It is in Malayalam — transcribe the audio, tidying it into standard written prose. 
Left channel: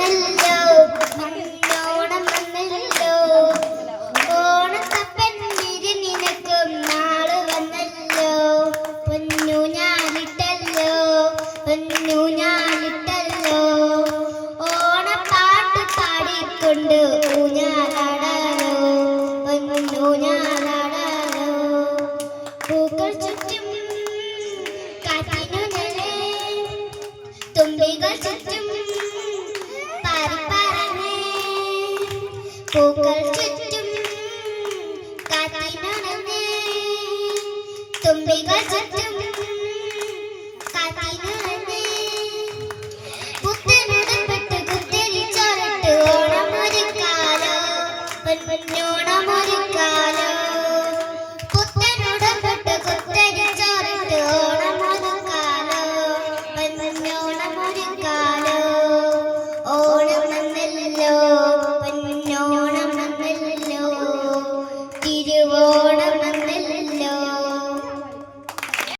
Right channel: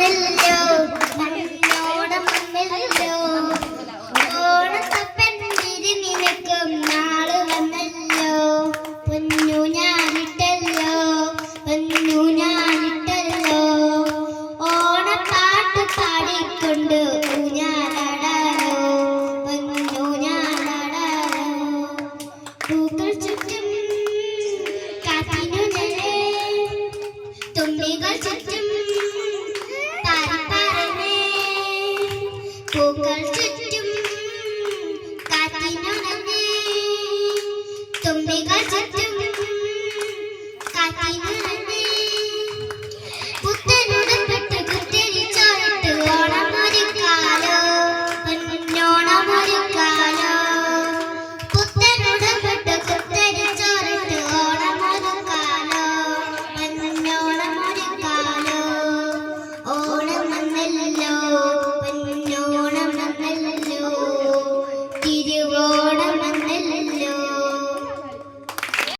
വന്നല്ലോ മണ്ണോടം വന്നല്ലോ ഓണത്തപ്പൻ നിനക്കും നാള് വന്നല്ലോ പൊന്നു ഞാനിട്ടല്ലോ പൊന്നു ഞാനിട്ടല്ലോ ഓണപ്പാട്ട് പാടിക്കൊണ്ട് ഊഞ്ഞാലാടാലോ പൊന്നു ഞാലാടാലോ പൂക്കൾ ചുറ്റും കാറ്റിനു നേരെ തുമ്പികൾ ചുറ്റും പാറിപ്പാറമേ പൂക്കൾ ചുറ്റും കാറ്റിനു നേരെ തുമ്പികൾ ചുറ്റും കാറ്റിനു നേരെ പുത്തനുടുപ്പിട്ട് കുത്തിരിച്ചോറിട്ട് ഓണമൊരുക്കാലോ പൊന്നോണമൊരുക്കാലോ പുത്തനുടുപ്പിട്ട് കുത്തിരിച്ചോറിട്ട് ഓണമൊരുക്കാലോ പൊന്നോണമൊരുക്കാലോ ഓണം വന്നല്ലോ പൊന്നോണം വന്നല്ലോ തിരുവോ